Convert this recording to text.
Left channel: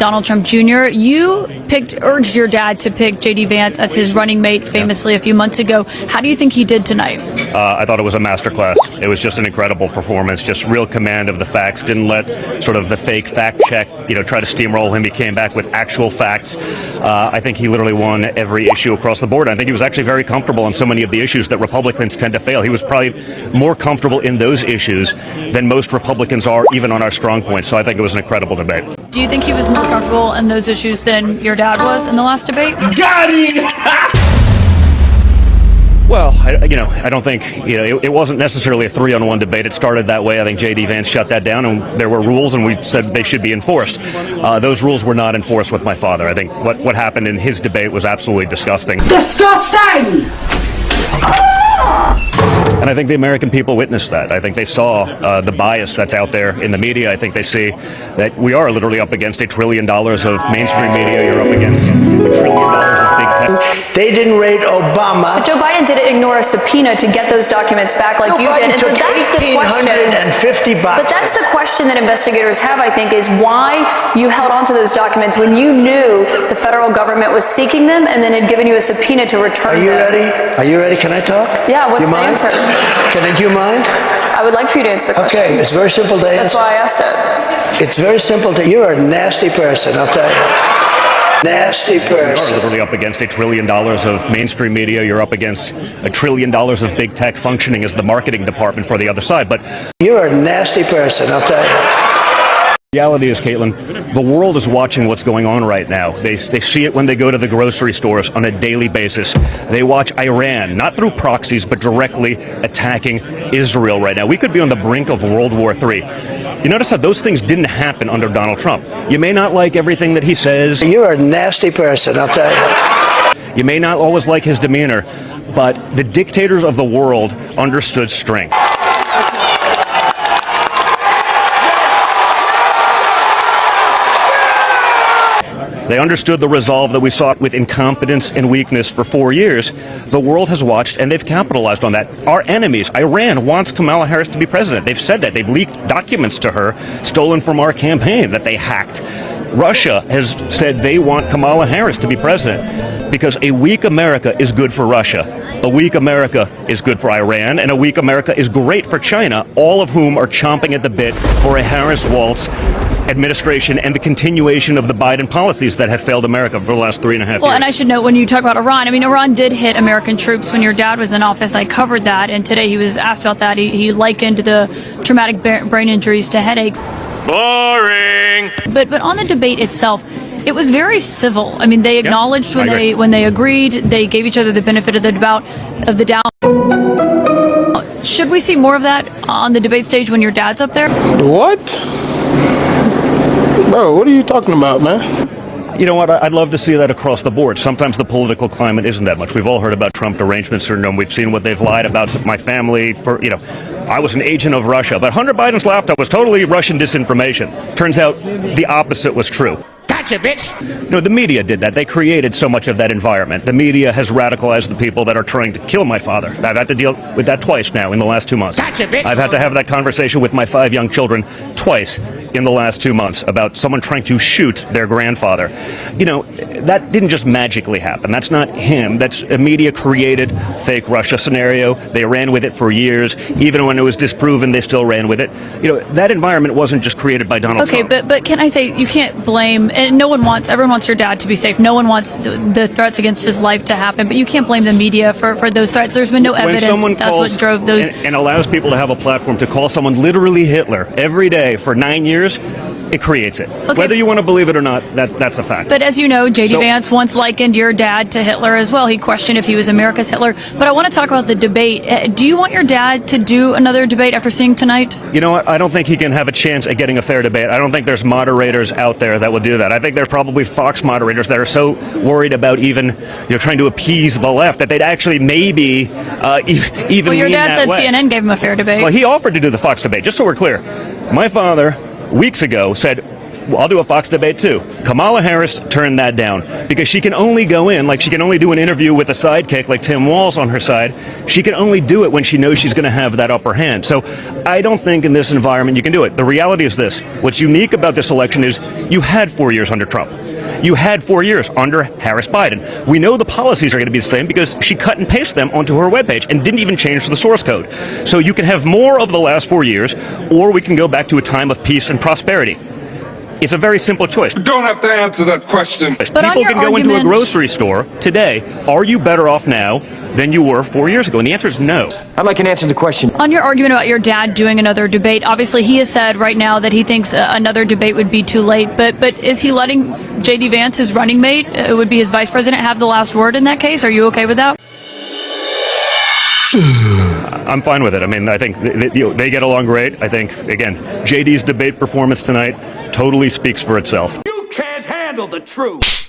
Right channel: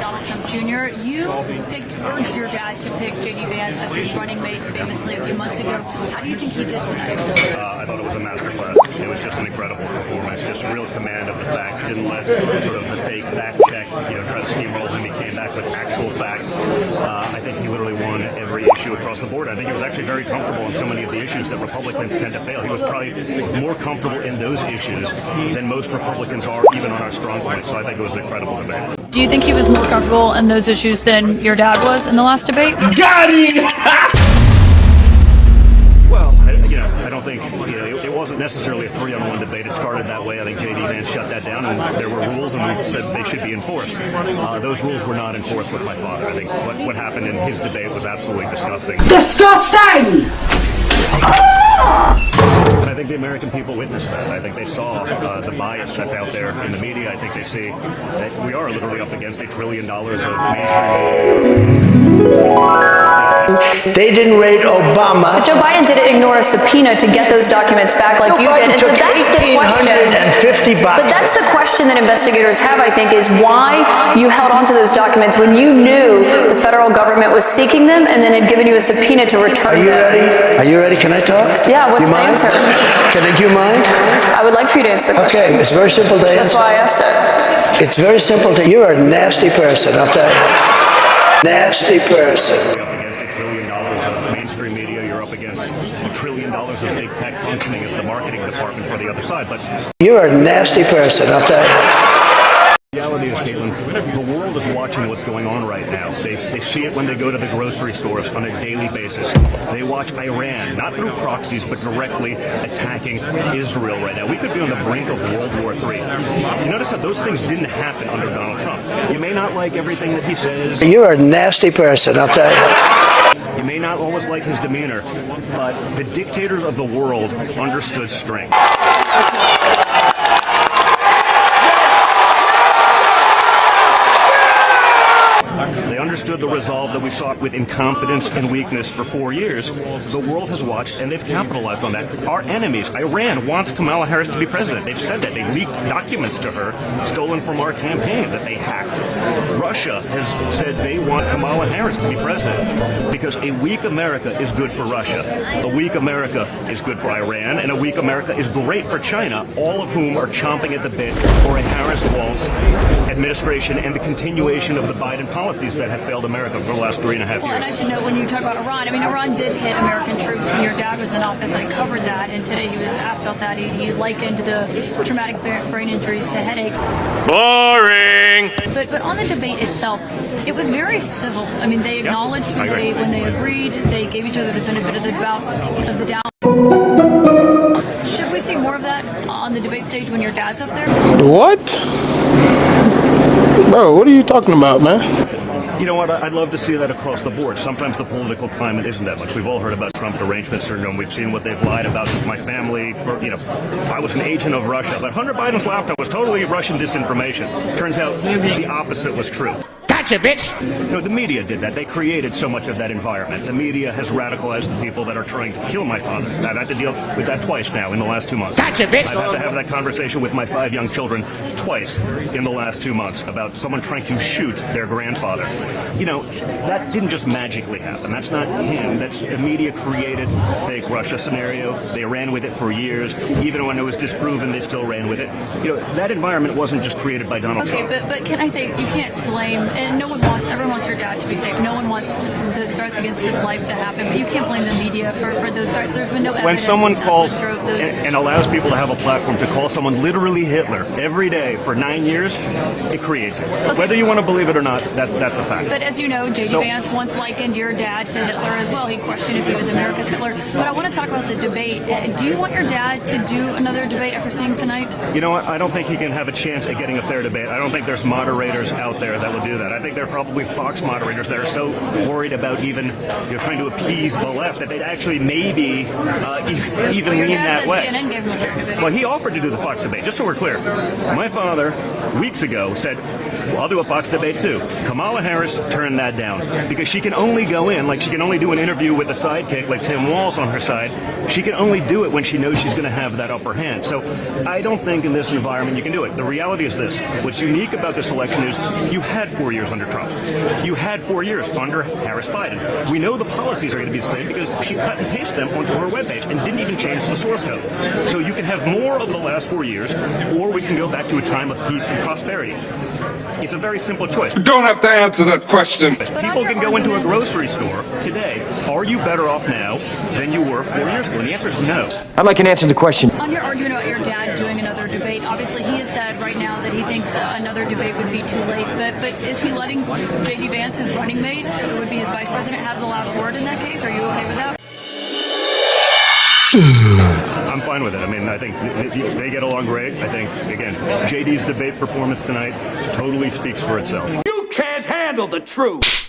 Donald Trump Jr. You urged your dad to pick JD Vance as his running mate famously a few months ago. How do you think he did tonight? I thought it was a masterclass. It was just an incredible performance, just real command of the facts. Didn't let sort of the fake fact check, try to steamroll him. He came back with actual facts. I think he literally won every issue across the board. I think he was actually very comfortable on so many of the issues that Republicans tend to fail. He was probably more comfortable in those issues than most Republicans are, even on our strong points. So I think it was an incredible debate. Do you think he was more comfortable in those issues than your dad was in the last debate? Got him! Well, I don't think, it wasn't necessarily a 3-on-1 debate. It started that way. I think JD Vance shut that down, and there were rules, and we said they should be enforced. Those rules were not enforced with my father. I think what happened in his debate was absolutely disgusting. Disgusting! And I think the American people witnessed that. I think they saw the bias that's out there in the media. I think they see that we are literally up against $1 trillion of mainstream media. You're up against $1 trillion of big tech. They didn't rate Obama. But Joe Biden didn't ignore a subpoena to get those documents back like Joe you Biden did. And took so that's the question. $1,850. But that's the question that investigators have, I think, is why you held on to those documents when you knew the federal government was seeking them and then had given you a subpoena to return them. Are you ready? Are you ready? Can I talk? Yeah, what's the answer? Do you mind? I would like for you to answer the question. Okay, it's very simple to answer. That's why I asked it. It's very simple to, you're a nasty person, I'll tell you. Nasty person. You're up against $1 trillion of mainstream media. You're up against $1 trillion of big tech functioning as the marketing department for the other side. But you're a nasty person, I'll tell you. The reality is, Kaitlan, the world is watching what's going on right now. They see it when they go to the grocery stores on a daily basis. They watch Iran, not through proxies, but directly attacking Israel right now. We could be on the brink of World War III. You notice how those things didn't happen under Donald Trump. You may not like everything that he says. You're a nasty person, I'll tell you. You may not always like his demeanor, but the dictators of the world understood strength. They understood the resolve that we saw with incompetence and weakness for 4 years. The world has watched, and they've capitalized on that. Our enemies, Iran, wants Kamala Harris to be president. They've said that. They've leaked documents to her, stolen from our campaign, that they hacked. Russia has said they want Kamala Harris to be president because a weak America is good for Russia. A weak America is good for Iran, and a weak America is great for China, all of whom are chomping at the bit for a Harris-Walz administration and the continuation of the Biden policies that have failed America for the last 3.5 years. Well, and I should note, when you talk about Iran, Iran did hit American troops when your dad was in office. I covered that, and today he was asked about that. He likened the traumatic brain injuries to headaches. Boring! But on the debate itself, it was very civil. They acknowledged when they agreed. They gave each other the benefit of the doubt. Should we see more of that on the debate stage when your dad's up there? What? Bro, what are you talking about, man? You know what? I'd love to see that across the board. Sometimes the political climate isn't that much. We've all heard about Trump derangement syndrome. We've seen what they've lied about my family. I was an agent of Russia, but Hunter Biden's laptop was totally Russian disinformation. Turns out the opposite was true. Gotcha, bitch! The media did that. They created so much of that environment. The media has radicalized the people that are trying to kill my father. I've had to deal with that twice now in the last 2 months. Gotcha, bitch! I've had to have that conversation with my 5 young children twice in the last 2 months about someone trying to shoot their grandfather. That didn't just magically happen. That's not him. That's a media-created fake Russia scenario. They ran with it for years. Even when it was disproven, they still ran with it. That environment wasn't just created by Donald Trump. Okay, but can I say, you can't blame, and everyone wants your dad to be safe. No one wants the threats against his life to happen, but you can't blame the media for those threats. There's been no evidence. When someone that's what drove those. And allows people to have a platform to call someone literally Hitler every day for 9 years, it creates it. Okay. Whether you want to believe it or not, that's a fact. But as you know, JD Vance once likened your dad to Hitler as well. He questioned if he was America's Hitler. But I want to talk about the debate. Do you want your dad to do another debate after seeing tonight? You know what? I don't think he can have a chance at getting a fair debate. I don't think there's moderators out there that will do that. I think there are probably Fox moderators that are so worried about even trying to appease the left that they'd actually maybe even. Well, your dad said way. CNN gave him a fair debate. Well, he offered to do the Fox debate. Just so we're clear, my father weeks ago said, I'll do a Fox debate too. Kamala Harris turned that down because she can only go in, like she can only do an interview with a sidekick like Tim Walz on her side. She can only do it when she knows she's going to have that upper hand. So I don't think in this environment you can do it. The reality is this. What's unique about this election is you had 4 years under Trump. You had 4 years under Harris-Biden. We know the policies are going to be the same because she cut and pasted them onto her webpage and didn't even change the source code. So you can have more of the last 4 years, or we can go back to a time of peace and prosperity. It's a very simple choice. You don't have to answer that question. People can go into a grocery store today. Are you better off now than you were 4 years ago? And the answer is no. I'd like an answer to the question. On your argument about your dad doing another debate, obviously he has said right now that he thinks another debate would be too late. But is he letting JD Vance, his running mate, would be his vice president, have the last word in that case? Are you okay with that? I'm fine with it. I mean, I think they get along great. I think, again, JD's debate performance tonight totally speaks for itself. You can't handle the truth.